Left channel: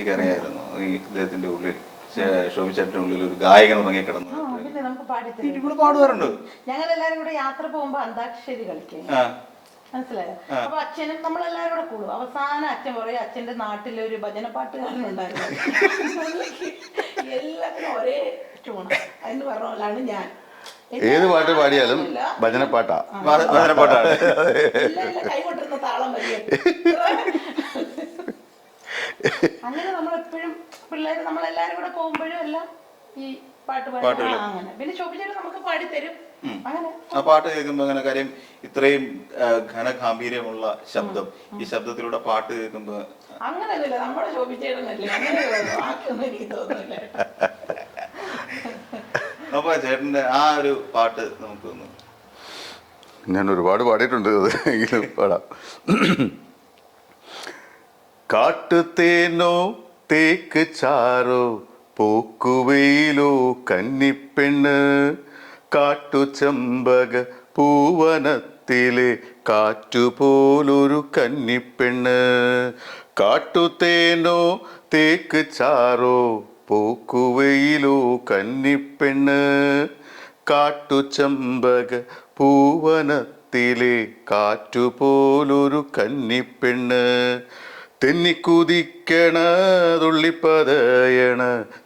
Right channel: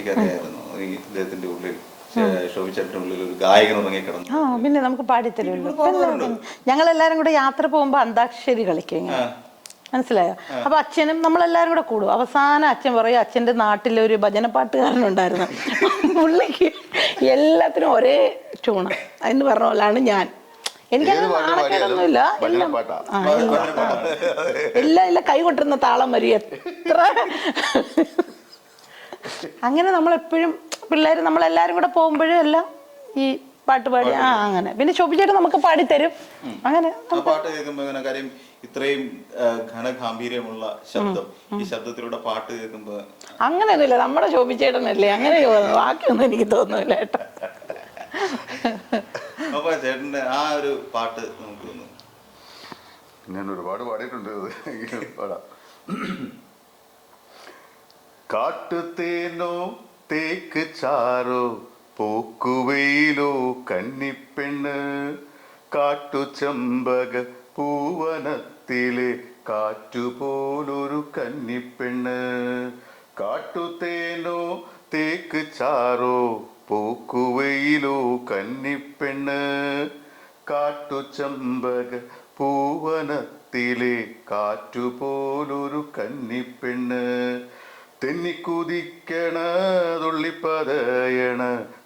ചേച്ചിക്ക് അറിയായിരുന്നു ഈ ഇദ്ദേഹത്തിന്റെ ഉള്ളിൽ ശോഭിച്ചേട്ടന്റെ ഉള്ളിൽ ഒരു ഗായകൻ ഉറങ്ങി കിടന്നു? പിന്നെ നമുക്ക് പാടിത്തരും. പാടുകാരുണ്ട്. ഞങ്ങൾ എല്ലാരും കൂടെ യാത്ര പോകുമ്പോ അന്താക്ഷരി കളിക്കും, മനസ്സിലായോ? അപ്പൊ അച്ഛനും നമ്മളെല്ലാരും കൂടെ കൂടും. അവസാനം അച്ഛൻ പറയും അച്ഛന്റെ നാട്ടിലൊരു ഭജന പാട്ടുകാരനുണ്ടായിരുന്നു, പുള്ളിക്ക് എല്ലാത്തിനും ഒരേ ട്യൂണ എന്ന് പറഞ്ഞ പോലാണ് ഞാൻ. ഏത് പാട്ട് പാടിയാലും ഭജന പാട്ടാ, എല്ലാം കൈ കൊണ്ടിരുന്ന താളം വരിക. അങ്ങനെ നമ്മളെപ്പോഴും പിള്ളേര് നമ്മളെല്ലാരും കൂടെ പോകുമ്പോഴും എല്ലാം ഈ പാട്ട് പാടി അങ്ങനെ. പിന്നെ ശോഭിച്ചേട്ടൻ നമുക്ക് പാടിത്തരും. അങ്ങനെ ആ പാട്ട് കേൾക്കുമ്പോ അങ്ങനെ കാര്യം ഇത്രയും ഘനഗാംഭീര്യമുള്ള ശബ്ദം, ഈ ശബ്ദത്തിലൂടെ പാട്ട് കേൾക്കുമ്പോ അങ്ങനെയൊന്നുമില്ല. നമ്മുടെ ശോഭിച്ചേട്ടനല്ലേ, അങ്ങനെ ബാക്കിയൊന്നും എനിക്ക് തോന്നുന്നില്ല ഏട്ടാ. അപ്പൊ ചേട്ടന്റെ ആ ഒരു പാട്ട് നമുക്ക് ഞാൻ ഒരുപാട് പാടിയിട്ടുണ്ട്, അത് എങ്കിലും പാടാം. കാട്ടുതേനോ തേക്ക് ചാറോ പൂക്കുവയിലോ കന്നിപ്പെണ്ണ്, കാട്ടുചെമ്പക പൂവനത്തിലെ കാറ്റുപോലൊരു കന്നിപ്പെണ്ണ്. കാട്ടുതേനോ തേക്ക് ചാറോ പൂക്കുവയിലോ കന്നിപ്പെണ്ണ്, കാട്ടുചെമ്പക പൂവനത്തിലെ കാറ്റുപോലൊരു കന്നിപ്പെണ്ണ്. തെന്നിക്കുതിക്കണ തുള്ളിപ്പതയണ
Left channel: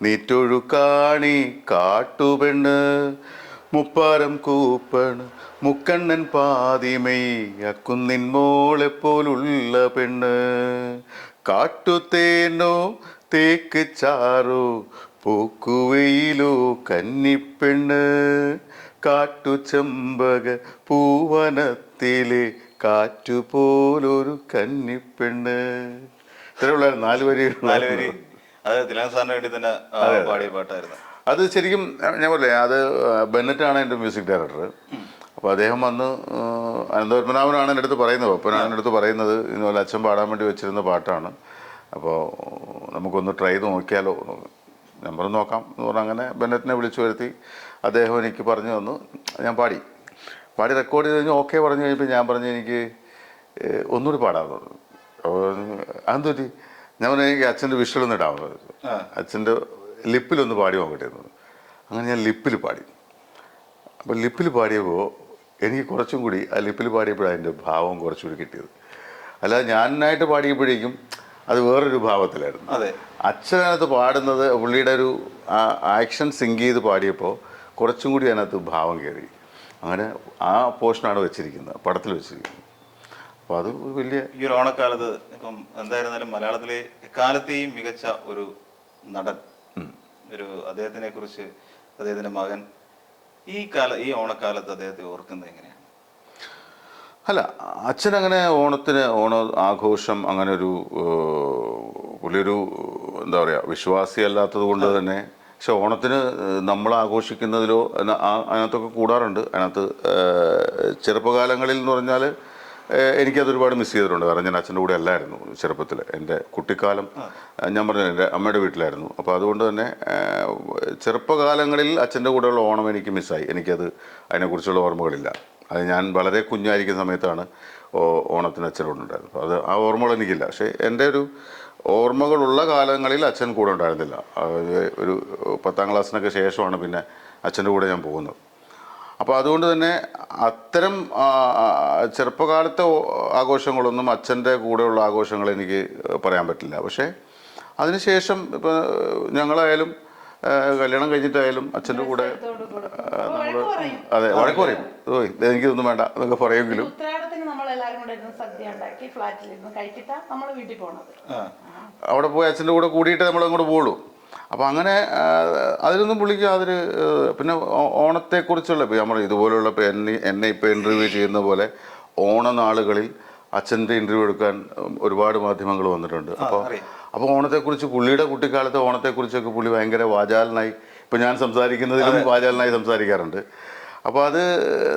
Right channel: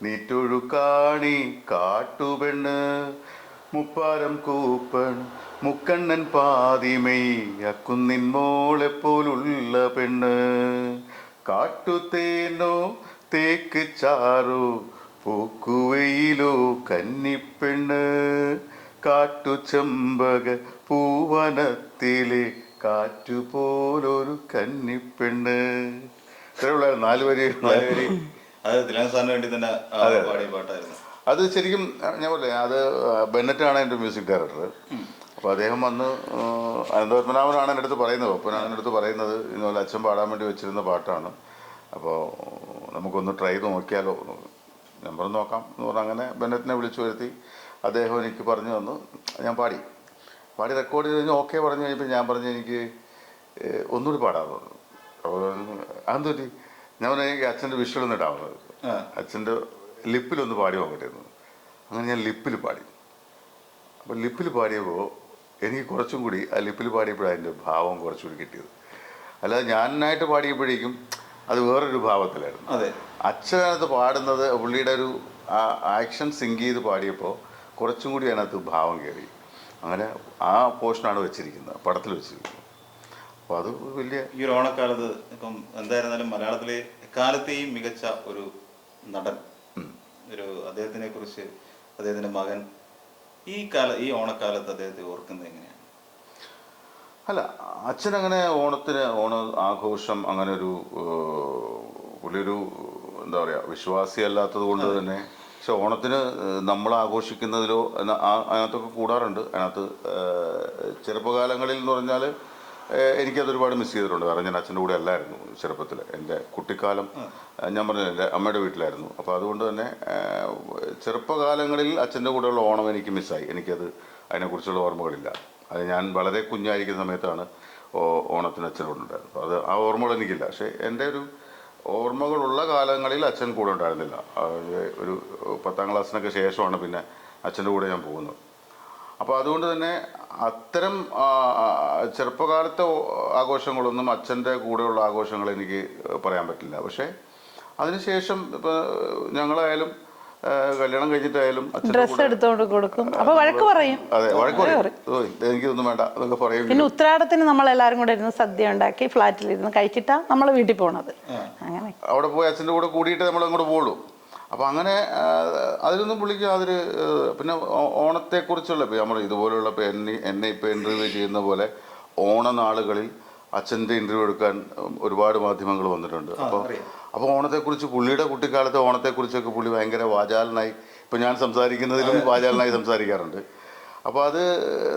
നീറ്റൊഴുക്കാണി കാട്ടുപെണ്ണ്, മുപ്പാരം കൂപ്പണ മുക്കണ്ണൻ പാതിമൈ അക്കുന്നിൻ മോളെ പോലുള്ള പെണ്ണ്. കാട്ടുതേനോ തേക്ക് ചാറോ പൂക്കുവയിലോ കന്നിപ്പെണ്ണ്, കാട്ടുചെമ്പക പൂവനത്തിലെ കാറ്റുപോലൊരു കന്നിപ്പെണ്ണ്. ഇത്രയുള്ള 4 വരി. അത് തിലകൻ സാറിന് വേണ്ടി തന്നെ പാടിയ പാട്ടായിരുന്നു. അത് ശരിക്കും ഞാൻ പറയേ, അത് ബെന്നറ്റാണ് എൻ്റെ മ്യൂസിക് ഡയറക്ടർ. അപ്പോൾ അദ്ദേഹം വന്ന് അനന്തപത്മനാഭനാണ് എൻ്റെ അടുത്ത് പറയുന്നത്. പത്മനാഭൻ്റെ അടുത്ത് പറയുന്നത് ഇതുപോലെ അച്ഛൻ പാടാൻ വേണ്ടി വെച്ചിരുന്ന പാട്ടാണ്, അപ്പോൾ നമുക്കൊന്ന് ട്രൈ ചെയ്ത് നോക്കിയാലോ. നമ്പർ നോക്കാം എന്ന് പറഞ്ഞാൽ അങ്ങനെ ബെന്നറ്റിനെ വിളിച്ചു വരുത്തി അദ്ദേഹം എനിക്ക് പറഞ്ഞു തന്നു. ഞാൻ പാടി റെക്കോർഡ് ചെയ്ത് കഴിഞ്ഞ് ഓക്കെ പറഞ്ഞു കഴിഞ്ഞപ്പോൾ ഞാൻ പറഞ്ഞു എനിക്ക് ഒന്നുകൂടി പാടാൻ പറഞ്ഞു. അപ്പോൾ അതെന്തൊരു ഞാൻ പറഞ്ഞു എനിക്ക് അച്ഛൻ്റെ വിഷ്വലൊന്നും ഇടാൻ പറഞ്ഞു, അച്ഛൻ്റെ ലിപ്പിലൊന്ന് പാടി നോക്കട്ടെയിരുന്നു. അങ്ങനെ ഞാൻ ലിപ്പിൽ പാടി. അപ്പോൾ ലിപ്പിൽ പാടിയപ്പോൾ എനിക്ക് കുറച്ചും കൂടി ആ ലിപ്പിൽ പാടിയപ്പോഴാണ് അതിൻ്റെ ഭാവം കുറച്ചുകൂടി കിട്ടിയത്. അല്ലാതെ ഞാനായിട്ട് പാടിയപ്പോഴേക്കും അത് വേറൊരു ഭാവത്തിലായിരുന്നു. അച്ഛനകത്ത് പാടുന്നത് പുള്ളിയുടെ ഒരു ആക്ഷൻ സിങ്ക് ചെയ്ത് പാടിയപ്പോൾ കുറച്ചും കൂടി അതിനകത്ത് ഭാവം കയറി. അങ്ങനെ ആ പോർഷനാണ് വെച്ചിരിക്കുന്നത്, പടത്തിൽ വെച്ചിരിക്കുന്നത്. അപ്പോൾ അത് വലിയ ഈ ഓണക്കാലത്ത് ഇപ്പം എന്തായിരുന്നാലും മലയാളത്തിലെ എക്കാലത്തെയും മികച്ച ഒരു നടൻ, ഒരു അദ്ദേഹത്തിനെ കുറിച്ച് അദ്ദേഹത്തിന്റെ മകൻ ഈ ഓണക്കാലത്ത് അദ്ദേഹത്തെ ഓർക്കുന്നത് എങ്ങനെയാണ്? അല്ല, അച്ഛനങ്ങനെ ഓണ ആഘോഷം അങ്ങനെ ഒരു പുള്ളിയൊരു എന്താ പറയുക വിശ്വാസി അല്ലാത്തത് കൊണ്ട് തന്നെ. പക്ഷെ ഓണത്തിന് നമ്മൾ ആഘോഷിക്കുന്നതിലോ അതിനകത്തൊക്കെ കൂടാറുണ്ട്. അതിനകത്ത് ചെറുപ്പകാലങ്ങളിൽ എന്ന് പറഞ്ഞാൽ എനിക്കതൊരുപാട് മിസ് ചെയ്തിട്ടുണ്ട്. കാരണം ഞാൻ അച്ഛൻ്റെ കൂടെ അല്ലായിരുന്നു ചെറുപ്പത്തിൽ. എൻ്റെ കുട്ടിക്കാലം ഞാൻ പറഞ്ഞത് എൻ്റെ അമ്മയുടെ വീട്ടിലായിരുന്നു. അപ്പോൾ അതുകൊണ്ട് തന്നെ ചെറുപ്പകാലങ്ങളിൽ അച്ഛൻ്റെ കൂടെയുള്ള ഓണം എനിക്ക് മിസ്സായി. എനിക്കത് അതിനെക്കുറിച്ചുള്ള ഓർമ്മകളില്ല. അത് ഞാൻ വളരെ കുഞ്ഞായിരിക്കുന്ന സമയത്താണ് ഓണത്തിന് അച്ഛനോടുണ്ടായിരുന്നു. അത് ആ ഓർമ്മകൾ എനിക്കില്ല. പക്ഷേ എൻ്റെ ഒരു ഓർമ്മകളുള്ള കാലങ്ങളിൽ അച്ഛൻ കൂടെ ഉണ്ടായിരുന്നില്ല. ഒരു 10ാം ക്ലാസ്സിനൊക്കെ ശേഷമാണ് പിന്നെ അച്ഛൻ്റെ കൂടെ ഞാൻ പോകുന്നത്. അപ്പോൾ അതുകൊണ്ട് തന്നെ അത്തരം ചെറുപ്പകാലത്തെ ആഘോഷങ്ങളൊന്നും അച്ഛൻ്റെ കൂടെയുള്ള ആഘോഷങ്ങൾ എനിക്ക് പറയാൻ പറ്റില്ല. പക്ഷേ അതിനുശേഷം ഇപ്പോൾ ഞങ്ങളായാലും കല്യാണം കഴിഞ്ഞിട്ടായാലും അച്ഛൻ്റെ കൂടെ അതെ വഴക്ക് പറയും, എനിക്കിതൊന്നും വേണ്ട എന്നൊക്കെ പറയും. പിന്നെ ഉത്രാടത്തിന് നമ്മളെല്ലാരും കൂടെ ഇരുന്ന് സദ്യ ഉണ്ടാക്കി ഫ്ലാറ്റിലിരുന്ന് കഴിച്ചിട്ടാ നമ്മൾ വീട്ടിൽ പോണത്. അവിടെ പോയി അച്ഛൻ്റെ കൂടെ കൂടിയിട്ട് നമ്മൾ അങ്ങോട്ട് പോകുള്ളൂ. അപ്പം അങ്ങനെ അതിലൊന്നും പുള്ളിക്ക് അതൊരു പിന്നെ ഓണത്തെക്കുറിച്ചുള്ള ഇപ്പോൾ നമ്മൾ ഇതുപോലെയുള്ള ഇപ്പോൾ എന്നെ ഇപ്പോൾ ഇൻ്റർവ്യൂ ചെയ്യുന്ന പോലെ ഓണനാളുകളിൽ അച്ഛൻ്റെ ഇൻ്റർവ്യൂ എടുക്കാൻ ഒരുപാട് മാധ്യമങ്ങൾ വന്നിട്ടുണ്ട്. അപ്പോൾ ഓണത്തെക്കുറിച്ച് പുള്ളിയുടെ കുട്ടിക്കാലത്തെ ഓണത്തെക്കുറിച്ചൊക്കെ പുള്ളി ഭയങ്കര വാചാലനായി, ഇപ്പോൾ ഞാൻ സംസാരിക്കുന്നതിലും വാചാലനായി സംസാരിക്കാറുണ്ട്. അപ്പോൾ അത്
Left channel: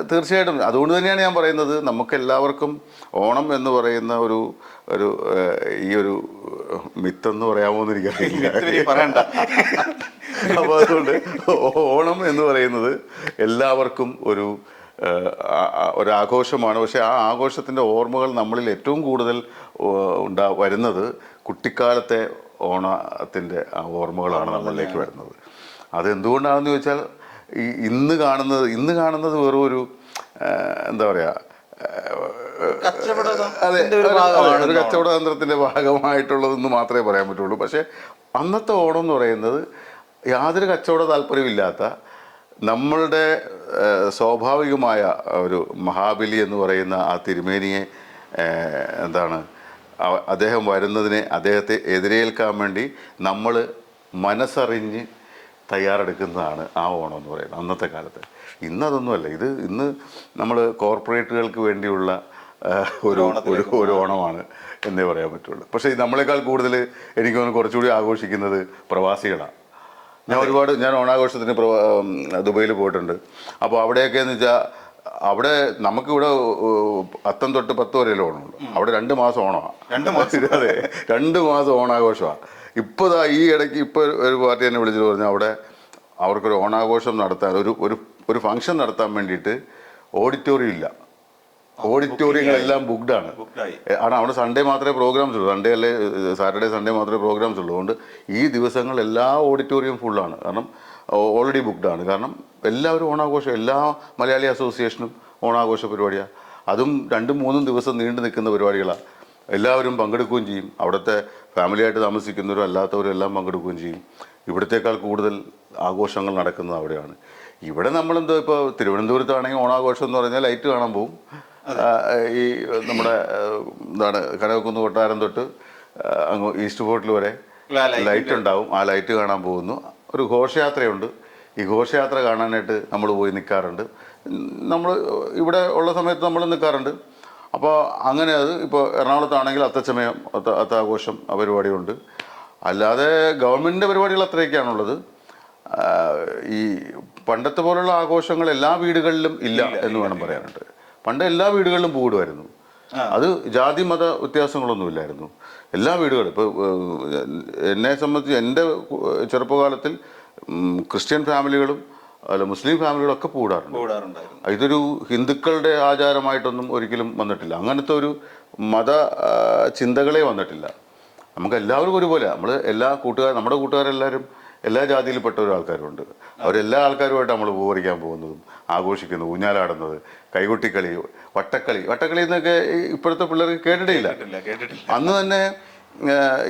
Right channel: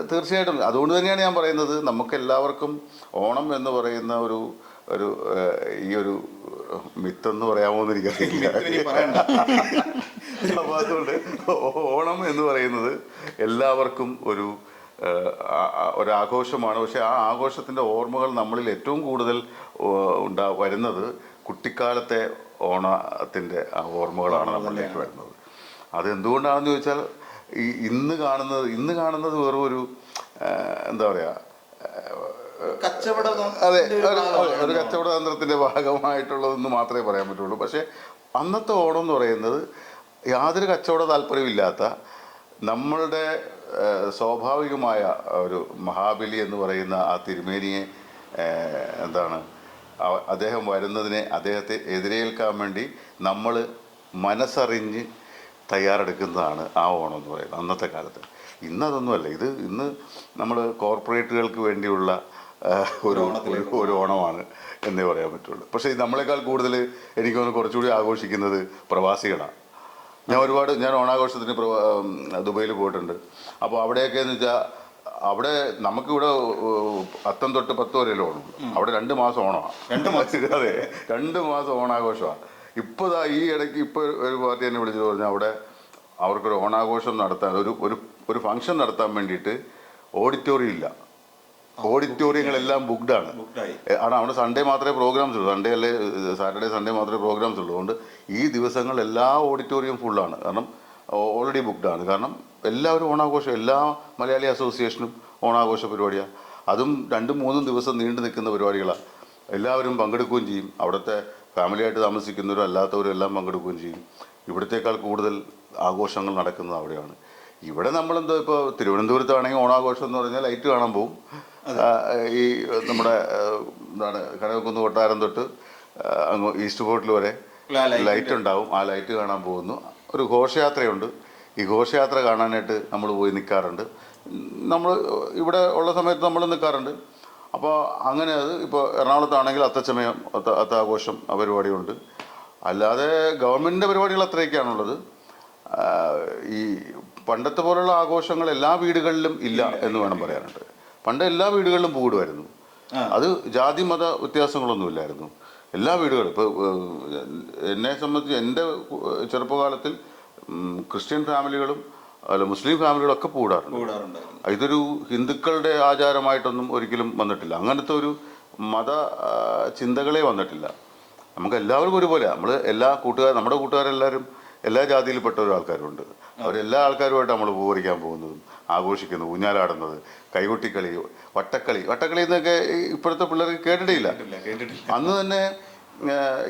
തീർച്ചയായിട്ടും അതുകൊണ്ട് തന്നെയാണ് ഞാൻ പറയുന്നത് നമുക്കെല്ലാവർക്കും ഓണം എന്ന് പറയുന്ന ഒരു ഈ ഒരു മിത്തെന്ന് പറയാമോ എന്ന് എനിക്കറിയില്ല. അപ്പോൾ അതുകൊണ്ട് ഓണം എന്ന് പറയുന്നത് എല്ലാവർക്കും ഒരാഘോഷമാണ്. പക്ഷെ ആ ആഘോഷത്തിൻ്റെ ഓർമ്മകൾ നമ്മളിൽ ഏറ്റവും കൂടുതൽ വരുന്നത് കുട്ടിക്കാലത്തെ ഓണത്തിൻ്റെ ഓർമ്മകളാണ് നമ്മളിലേക്ക് വരുന്നത്. അതെന്തുകൊണ്ടാണെന്ന് ചോദിച്ചാൽ ഇന്ന് കാണുന്നത് വെറും ഒരു എന്താ പറയുക, അതെ, ഒരു കച്ചവട തന്ത്രത്തിൻ്റെ ഭാഗമായിട്ടുള്ളതെന്ന് മാത്രമേ പറയാൻ പറ്റുള്ളൂ. പക്ഷേ അന്നത്തെ ഓണം എന്ന് പറയുന്നത് യാതൊരു കച്ചവട താല്പര്യമില്ലാത്ത നമ്മളുടെ സ്വാഭാവികമായ ഒരു മഹാബലി എന്ന് പറയുന്ന ആ തിരുമേനിയെ എന്താണ് അദ്ദേഹം വരുന്നതിനെ അദ്ദേഹത്തെ എതിരേൽക്കാൻ വേണ്ടി നമ്മൾ മനസ്സറിഞ്ഞ് തയ്യാറെടുക്കുന്നതാണ് ആ ഓണം എന്ന് പറയുന്നത് അന്നത്തെ കാലത്ത്. ഇന്നതൊന്നുമല്ല. ഇന്ന് നമ്മൾ കോർപ്പറേറ്റുകൾക്ക് വേണ്ടിയുള്ള ഒരു ഓണമാണ് എന്നേ പറയാൻ പറ്റുള്ളൂ. പക്ഷേ നമ്മളെക്കാൾ കൂടുതൽ എനിക്ക് തോന്നുന്നു കുറച്ചുകൂടി ആഘോഷിക്കുന്നത് പ്രവാസികളാണ്. ഞാൻ ഓണാഘോഷത്തിന് ദുബൈയിൽ പോയിട്ടുണ്ട്. അപ്പോൾ അവിടെയൊക്കെ എന്ന് വെച്ചാൽ അവിടെ നമുക്കിവിടെ അത്തം തൊട്ട് 10 വരെയല്ലേ ഓണമുണ്ട്. അവിടെ 2 മാസം ഓണമാണ്. അതെ, 2 മാസം ഓണാഘോഷമാണ്. ഇപ്പോൾ ഈ ഇടയ്ക്ക് ഒരു പാർട്ടി എന്നെ വിളിച്ചിട്ട് പറഞ്ഞു അവിടെ അവർക്കൊരു ഓണാഘോഷം നടത്താൻ ഒരു ഫംഗ്ഷൻ നടത്താൻ വേണ്ടിയിട്ട് ഓഡിറ്റോറിയം ഇല്ല. ഓഡിറ്റോറിയങ്ങളെല്ലാം ബുക്ക്ഡാണ്. ആണ് അവിടെ സൺഡേ മാത്രമേ പ്രോഗ്രാംസ് ഉള്ളൂ. സൺഡേ അല്ലേ സാറ്റർഡേ സൺഡേ മാത്രമേ പ്രോഗ്രാംസ് ഉള്ളൂ. അതുകൊണ്ട് ഈ ദിവസങ്ങൾ എല്ലാ ഓഡിറ്റോറിയം ഫുള്ളാണ്. കാരണം ഓൾറെഡി ബുക്ക്ഡാണ്. കാരണം എല്ലാവരും ഓണാഘോഷം, എല്ലാ മലയാളി അസോസിയേഷനും ഓണാഘോഷ പരിപാടിയാണ്. അതും 2-3 ദിവസം നീണ്ടു നിൽക്കുന്ന പരിപാടികളാണ്. എല്ലാവരും പങ്കെടുക്കുകയും ചെയ്യും. അവിടുത്തെ ഫാമിലിയായിട്ട് താമസിക്കുന്നവരും അല്ലാത്തവരും എല്ലാം പങ്കെടുക്കുകയും ചെയ്യും. ഇവിടത്തേക്കാൾ കൂടുതൽ ആഘോഷങ്ങൾ നടക്കുന്നത് അവിടെയാണ്. ഇവിടെ നമ്മളെന്തോ ഇപ്പോൾ തിരുവനന്തപുരത്താണെങ്കിൽ ഓണാഘോഷം എന്ന് പറഞ്ഞാൽ ലൈറ്റ് കാണാൻ പോകും. ഈ നമ്മുടെ എന്താണ് കനകക്കുന്ന് കൊട്ടാരം തൊട്ട് അങ്ങ് ഈസ്റ്റ് ഫോർട്ടിൽ വരെ ലൈറ്റ് ഉണ്ടാവും. ആ ലൈറ്റ് കാണാൻ പോകുന്നു. ഒരു ഘോഷയാത്രയുണ്ട്. ഈ ഘോഷയാത്ര കാണാനായിട്ട് നമ്മൾ പോയി നിൽക്കാറുണ്ട്. നമ്മൾ ഇവിടെ ഉള്ള സമയത്ത് നമ്മൾ നിൽക്കാറുണ്ട്. അപ്പോൾ അങ്ങനെ അത് ഇപ്പോൾ എറണാകുളത്താണെങ്കിൽ അത്തച്ചമയം അത്താഘോഷം പരിപാടിയുണ്ട്. അല്ലാതെ ഗവൺമെൻറ്റിൻ്റെ പരിപാടികൾ അത്രയൊക്കെയാണുള്ളത്. ഈ പണ്ടത്തെ പോലുള്ള ആഘോഷങ്ങൾ എല്ലാ വീടുകളിലും ഇല്ല എന്ന് വേണം പറയാനുണ്ട്. പണ്ട് എല്ലാ വീടുകളിലും പൂവിടുമായിരുന്നു. അത് ജാതി മത വ്യത്യാസങ്ങളൊന്നുമില്ലായിരുന്നു. എല്ലാ വീടുകളും ഇപ്പോൾ എന്നെ സംബന്ധിച്ച് എൻ്റെ ചെറുപ്പകാലത്തിൽ ക്രിസ്ത്യൻ ഫാമിലികളും അല്ല മുസ്ലിം ഫാമിലികളൊക്കെ പൂടാറുണ്ട്. ഇതൊരു ഹിന്ദുക്കളുടെ ആചാരമായിട്ടൊന്നും ഒരിക്കലും വന്നിട്ടില്ല. അങ്ങനത്തെ ഒരു മത ചിന്തകളെ വന്നിട്ടില്ല. നമുക്ക് എല്ലാവർക്കും ഒരുപോലെ നമ്മൾ നമ്മുടെ കൂട്ടുകാരെല്ലാവരും എല്ലാ ജാതിയിൽപ്പെട്ട ഒരു ആൾക്കാരുണ്ട്. അവരെല്ലാ ആൾക്കാരുമായിട്ട് നമ്മൾ പൂവറിക്കാൻ പോകുന്നതും ആഘോഷിക്കുന്നത്, ഊഞ്ഞാലാടുന്നത്, കൈകൊട്ടിക്കളി, വട്ടക്കളി എന്നൊക്കെ ഇപ്പോഴത്തെ പിള്ളേർക്ക് കേട്ടിട്ടില്ല. അന്ന് തന്നെ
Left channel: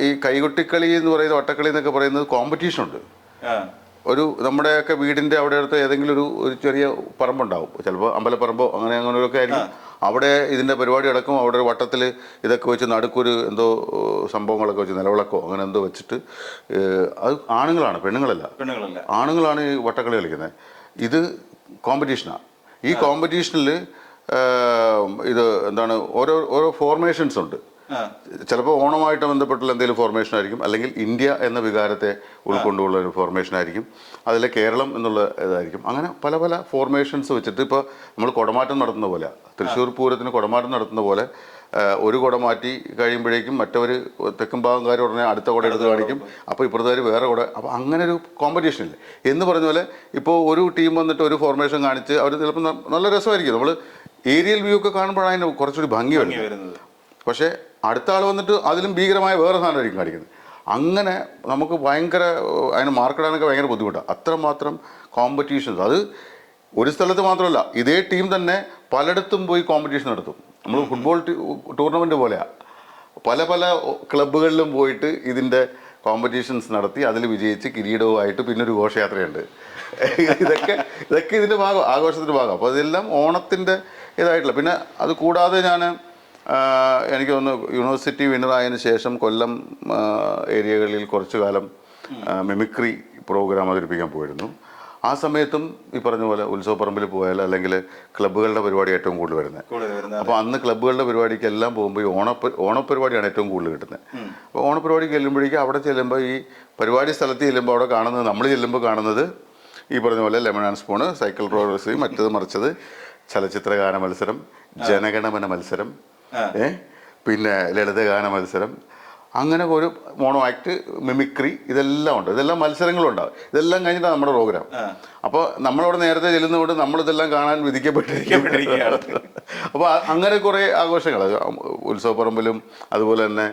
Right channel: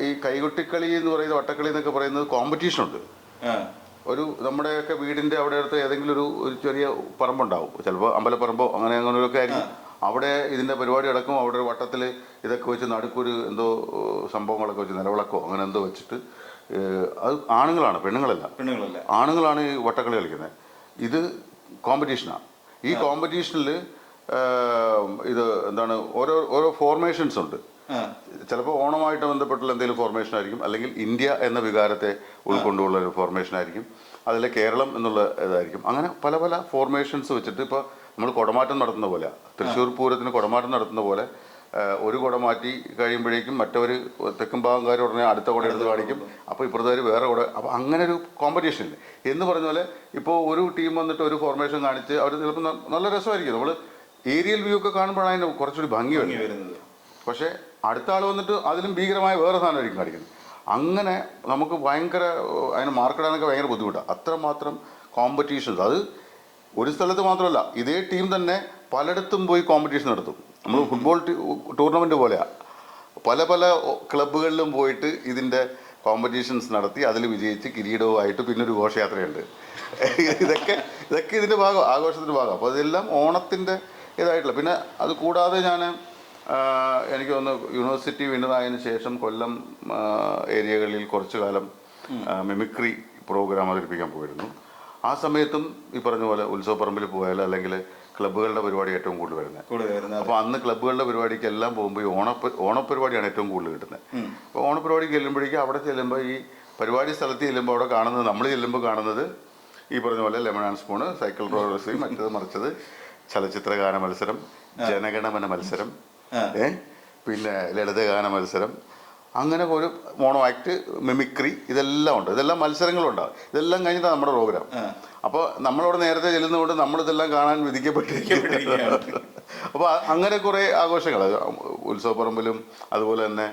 ഈ കൈകൊട്ടിക്കളി എന്ന് പറയുന്ന വട്ടക്കളി എന്നൊക്കെ പറയുന്നത് കോമ്പറ്റീഷനുണ്ട്. നമ്മുടെയൊക്കെ വീടിൻ്റെ അവിടെ അടുത്ത് ഏതെങ്കിലും ഒരു ചെറിയ പറമ്പുണ്ടാവും, ചിലപ്പോൾ അമ്പലപ്പറമ്പോ അങ്ങനെയൊക്കെ ആയിരിക്കും. അവിടെ ഇതിൻ്റെ പരിപാടി നടക്കും. അവിടെ ഒരു വട്ടത്തിൽ ഇതൊക്കെ വെച്ച് നടുക്കൊരു എന്തോ സംഭവങ്ങളൊക്കെ വെച്ച് നിലവിളക്കോ അങ്ങനെ എന്തോ വെച്ചിട്ട് അത് ആണുങ്ങളാണ്, പെണ്ണുങ്ങളല്ല. ആണുങ്ങളാണ് ഈ വട്ടക്കളി കളിക്കുന്നത്. ഇത് കോമ്പറ്റീഷനാണ്. ഈ കോമ്പറ്റീഷനിൽ ഇത് എന്താണ് ഓരോ ഫോർമേഷൻസ് ഉണ്ട്. ചിലപ്പോൾ ഓണമായിട്ട് ബന്ധപ്പെട്ടുള്ള എന്തെങ്കിലും ഫോർമേഷൻ ആയിരിക്കും, അല്ലെങ്കിൽ ഇന്ത്യ എന്ന വികാരത്തെ ഉൾക്കൊണ്ടുള്ള ഒരു ഫോർമേഷൻ ആയിരിക്കും, അതിലെ കേരളം എന്നുള്ള ഇതായിരിക്കും. അങ്ങനെ പല പല ഫോർമേഷൻസ് വെച്ചിട്ട് ഇപ്പോൾ നമ്മൾ കുടമാറ്റം നടത്തുന്ന പോലെ, തൃശ്ശൂർ പൂരത്തിന് കുടമാറ്റം നടത്തുന്ന പോലെ ഒരു കുട മാറ്റി കഴിയുമ്പോഴേക്കും മറ്റവർ തെക്കും ഭാഗംകാർ ഉടനെ അടുത്ത കുട എടുത്ത് കാണിക്കും. അപ്പോൾ ഇപ്പുറത്തേർ വേറെ കുട. അപ്പോൾ അങ്ങനെ ഒരു കോമ്പറ്റീഷൻ ഇല്ല എന്ന് പറഞ്ഞ പോലെ ഇപ്പോൾ ഒരു ടീം വന്നിട്ട് ഒരു ഫോർമേഷൻ കാണിച്ച് അവർ ചിലപ്പോൾ നല്ല രസമായിരിക്കും. നമ്മൾ ഏരിയൽ വ്യൂ ഒക്കെ കാണുമ്പോഴാണ് അതിന് കുറച്ചുകൂടി ഭംഗി വരുന്നത്. പക്ഷേ അടുത്ത ആൾ വന്നിട്ട് അതിലും ഭീകരമായ വേറെ സാധനമായിരിക്കും കാണിക്കുന്നത്. അങ്ങനെ നമുക്ക് ഭയങ്കര അതിന് മാർക്കിടാനൊക്കെ ഭയങ്കര ബുദ്ധിമുട്ടാണ്. അത്രമാത്രം കോമ്പറ്റീഷൻസ്. അത് ഒരു സ്ഥലത്ത് മാത്രമല്ല, ഇതേ ടീം തന്നെ പലയിടത്തും പോയി കോമ്പറ്റീഷൻ നടത്തും. നമ്മൾ ഫുട്ബോൾ ടൂർണമെൻറ്റ് പോലെയാണ്. പല പല ക്ലബ്ബുകളിലും പോയിട്ട് ഇതിൻ്റെ കോമ്പറ്റീഷൻസ് നടത്തി അതിൽ വിജയിച്ച് കിരീടവുമായിട്ട് പിന്നൊരു ഘോഷയാത്രയുണ്ട്. ഇതൊക്കെ ഇതിൻ്റെ ഭാഗം, ആഘോഷത്തിൻ്റെ ഭാഗം. അപ്പോൾ അതെല്ലാം ഓണത്തിൻ്റെ ഇതായിട്ടുള്ള. പിന്നെ അത് കൂടാതെ എനിക്ക് തോന്നുന്നു യൂണിവേഴ്സിറ്റി വിന്നറായതിനു ശേഷം കൊല്ലം ഏരിയകളിൽ കുറച്ചു കാലം മിമിക്രി പ്രോഗ്രാം അവതരിപ്പിക്കാൻ പോയിരുന്നു. ആ സമയത്തും ഈ പറഞ്ഞ പോലെ ഉത്സവപ്പറമ്പിൽ പോയാൽ അല്ലെങ്കിൽ ക്ലബ്ബുകളുടെ പരിപാടി ഏറ്റവും കൂടുതൽ വരുന്നത്. അപ്പോൾ അന്ന് ക്ലബ്ബുകളുടെ പരിപാടിക്ക് എല്ലാം പോകുമ്പോൾ ഈ ഓണപ്പരിപാടിയാണ് ഏറ്റവും കൂടുതൽ കിട്ടുന്നത്. അപ്പോൾ ഓണപ്പരിപാടിക്ക് ചെല്ലുമ്പോഴേക്കും അവിടെ ചെല്ലുമ്പോൾ ഈ പരിപാടി സ്ഥലത്ത് ചെല്ലുമ്പോൾ അവിടെ കാണുന്നത്, നമ്മൾ ചെല്ലുമ്പോൾ കാണുന്നത് ഈ പറഞ്ഞ പോലെ lemon and spoon, cycle roaders, മറ്റത് മറിച്ചത്, ചലച്ചിത്രഗാന മത്സരം, ജനഗണമന മത്സരം, പിന്നെ ലളിതഗാന മത്സരം, അങ്ങനെ ഒരു മോണോ ആക്ട്, മിമിക്രി, ഇതെല്ലാം ഉണ്ട്. ഇതെല്ലാം മത്സരങ്ങളുണ്ടാവും. ഇതെല്ലാം കഴിഞ്ഞിട്ടാണ് നമ്മുടെ പ്രോഗ്രാം. അപ്പോൾ നമ്മളവിടെ നേരത്തെ ചെല്ലുന്നതുകൊണ്ട് നമ്മളിതെല്ലാം കാണാൻ വിധിക്കപ്പെട്ടിരിക്കുകയാണ്. അപ്പോൾ അങ്ങനെ കുറേ ആഘോഷങ്ങൾ ഉത്സവപ്പറമ്പിലും അതുപോലെ തന്നെ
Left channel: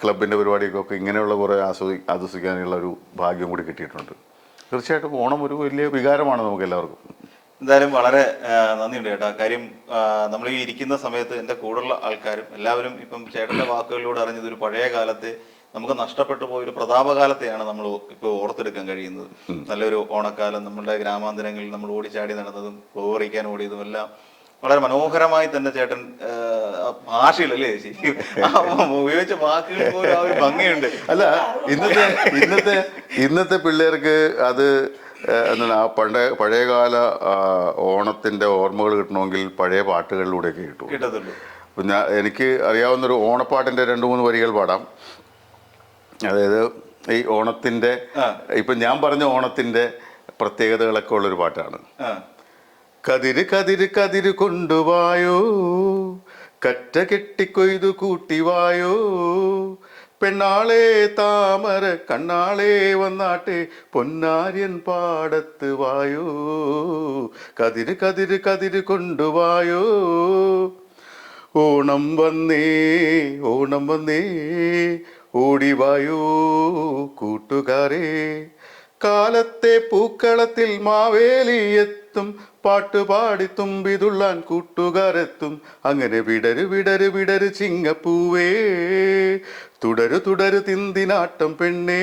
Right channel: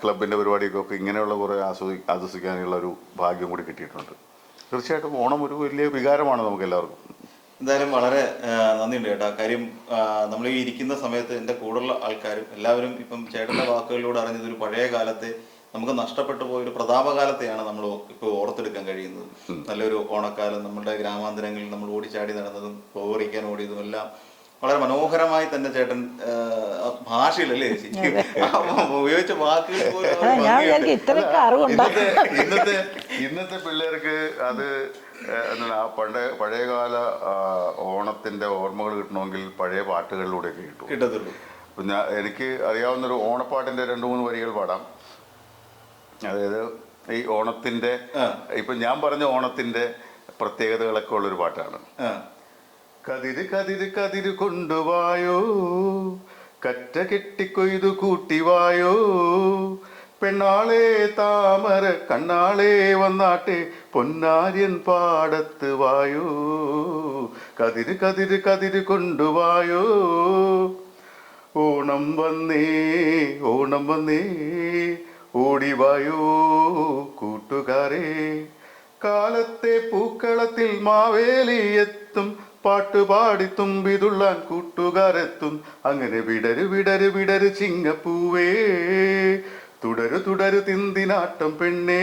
ക്ലബിൻ്റെ പരിപാടിയൊക്കെ ഇങ്ങനെയുള്ള കുറേ ആസ്വദിക്കാനുള്ള ഒരു ഭാഗ്യം കൂടി കിട്ടിയിട്ടുണ്ട്. തീർച്ചയായിട്ടും ഓണം ഒരു വലിയ വികാരമാണ് നമുക്ക് എല്ലാവർക്കും. എന്തായാലും വളരെ നന്ദിയുണ്ട് ചേട്ടാ. കാര്യം നമ്മൾ ഈ ഇരിക്കുന്ന സമയത്ത് എൻ്റെ കൂടെയുള്ള ആൾക്കാരും എല്ലാവരും ഇപ്പം ചേട്ടന്റെ വാക്കുകളിലൂടെ അറിഞ്ഞത് ഒരു പഴയ കാലത്തെ നമുക്ക് നഷ്ടപ്പെട്ടു പോയ ഒരു പ്രതാപകാലത്തെയാണ് നമ്മൾ ഇപ്പോൾ ഓർത്തെടുക്കാൻ കഴിയുന്നത്. നല്ലൊരു ഓണക്കാലം, നമ്മളുടെ ഗ്രാമാന്തരങ്ങളിൽ നമ്മൾ ഓടിച്ചാടി നടന്നതും പൂവറിക്കാൻ ഓടിയതും എല്ലാം വളരെ മനോഹരമായി തന്നെ ചേട്ടൻ ഭാഷയിലല്ലേ ഉപയോഗിച്ച വാക്കുകൾ പോലും ആ ഒരു ഭംഗിയുണ്ട്. അല്ല, ഇന്നത്തെ പിള്ളേർക്ക് അത് എന്താണ് ആ പഴയകാല ഓണത്തിന്റെ ഓർമ്മകൾ കിട്ടണമെങ്കിൽ പഴയ പാട്ടുകളിലൂടെയൊക്കെ കിട്ടും. പിന്നെ എനിക്ക് അറിയാവുന്നൊരു ഓണപ്പാട്ടിന്റെ 2-3 വരികൾ പാടാം. അതായത് ഈ ഓണത്തിന്റെ ഇപ്പൊ ഞാൻ പറഞ്ഞ ഓണത്തിന്റെ പ്രത്യേകതകളൊക്കെ ഉള്ളൊരു പാട്ടാണ്. കതിര് കതിര് കതിര് കൊണ്ടുവായോ, കറ്റ കെട്ടിക്കൊയ്തു കൂട്ടിവായോ, പെണ്ണാളെ താമര കണ്ണാളെ വന്നാട്ടെ, പൊന്നാര്യൻ പാടത്ത് വായോ, കതിര് കതിര് കതിര് കൊണ്ടുവായോ. ഓണം വന്നേ ഓണം വന്നേ ഓടിവായോ കൂട്ടുകാരെ, കാലത്തെ പൂക്കളത്തിൽ മാവേലി എത്തും, പാട്ടുപാടി തുമ്പിതുള്ളാൻ കൂട്ടുകാരെത്തും. അങ്ങനെ വിടരു വിടരു വിടരു ചിങ്ങപ്പൂവേ, തുടരു തുടരു തിന്തിനാട്ടം പെണ്ണേ,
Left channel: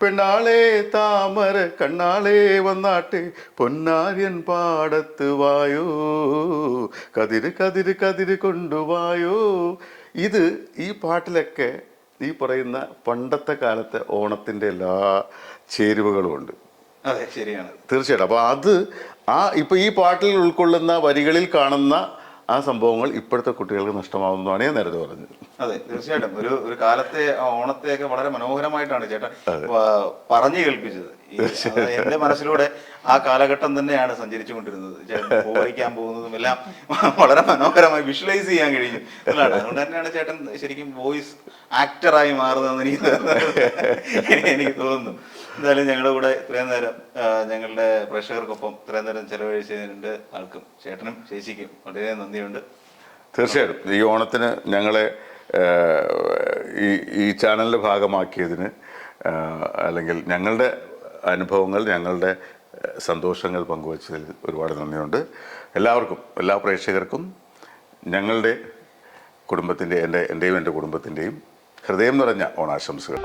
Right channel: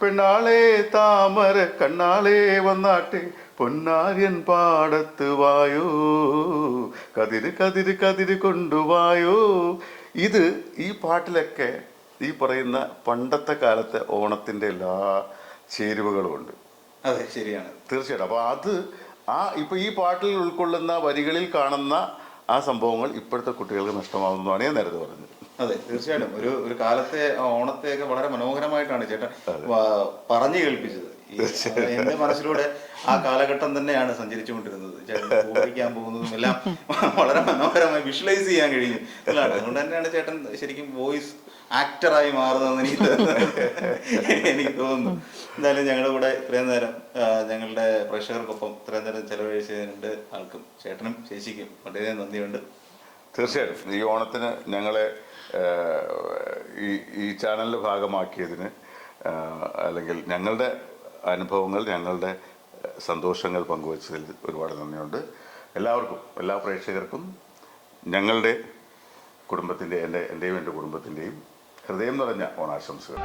പെണ്ണാളെ താമര കണ്ണാളെ വന്നാട്ടെ, പൊന്നാര്യൻ പാടത്ത് വായോ, കതിര് കതിര് കതിര് കൊണ്ടുവായോ. ഇത് ഈ പാട്ടിലൊക്കെ ഈ പറയുന്ന പണ്ടത്തെ കാലത്തെ ഓണത്തിന്റെ എല്ലാ ചേരുവകളും ഉണ്ട്. അതെ, ശരിയാണ്, തീർച്ചയായിട്ടും. അപ്പൊ അത് ഇപ്പൊ ഈ പാട്ടിൽ ഉൾക്കൊള്ളുന്ന വരികളിൽ കാണുന്ന ആ സംഭവങ്ങൾ ഇപ്പോഴത്തെ കുട്ടികൾക്ക് നഷ്ടമാവുന്നതാണ് ഞാൻ നേരത്തെ പറഞ്ഞത്. അതെ, തീർച്ചയായിട്ടും. ഒരു കാലത്തെ ഓണത്തെയൊക്കെ വളരെ മനോഹരമായിട്ടാണ് ചേട്ടൻ പറഞ്ഞു കേൾപ്പിച്ചത്. എന്റെ മനസ്സിലൂടെ ആ കാലഘട്ടം തന്നെയാണ് സഞ്ചരിച്ചുകൊണ്ടിരുന്നത്. ചേട്ടൻ പോകാൻ പോകുന്നതും എല്ലാം വളരെ മനോഹരമായി വിഷ്വലൈസ് ചെയ്യാൻ കഴിയും. അതുകൊണ്ട് തന്നെയാണ് ചേട്ടൻ ശരിക്കും വോയിസ് ആക്ടറായി മാറുന്നതെന്ന് എനിക്ക് തോന്നുന്നു. എന്തായാലും ഞങ്ങളുടെ കൂടെ ഇത്രയും നേരം ഞങ്ങളുടെ പ്രേക്ഷകർക്കൊപ്പം ഇത്രയും നേരം ചെലവഴിച്ചതിനുണ്ട് ആൾക്കും ചേട്ടനും ചേച്ചിക്കും വളരെ നന്ദിയുണ്ട്. തീർച്ചയായിട്ടും ഈ ഓണത്തിന് ഞങ്ങളെ ഈ ചാനലിൻ്റെ ഭാഗമാക്കിയതിന്, അല്ലെങ്കിൽ ഞങ്ങളുടെ അനുഭവങ്ങൾ, ഞങ്ങളുടെ സന്തോഷങ്ങൾ പങ്കുവച്ചതിൽ ഒരുപാട് നന്ദിയുണ്ട്. എല്ലാവർക്കും, എല്ലാ പ്രേക്ഷകർക്കും ഞങ്ങളുടെ കുടുംബത്തിൻ്റെ, എൻ്റെയും എൻ്റെ കുടുംബത്തിൻ്റെയും ഹൃദയം നിറഞ്ഞ ഓണാശംസകൾ.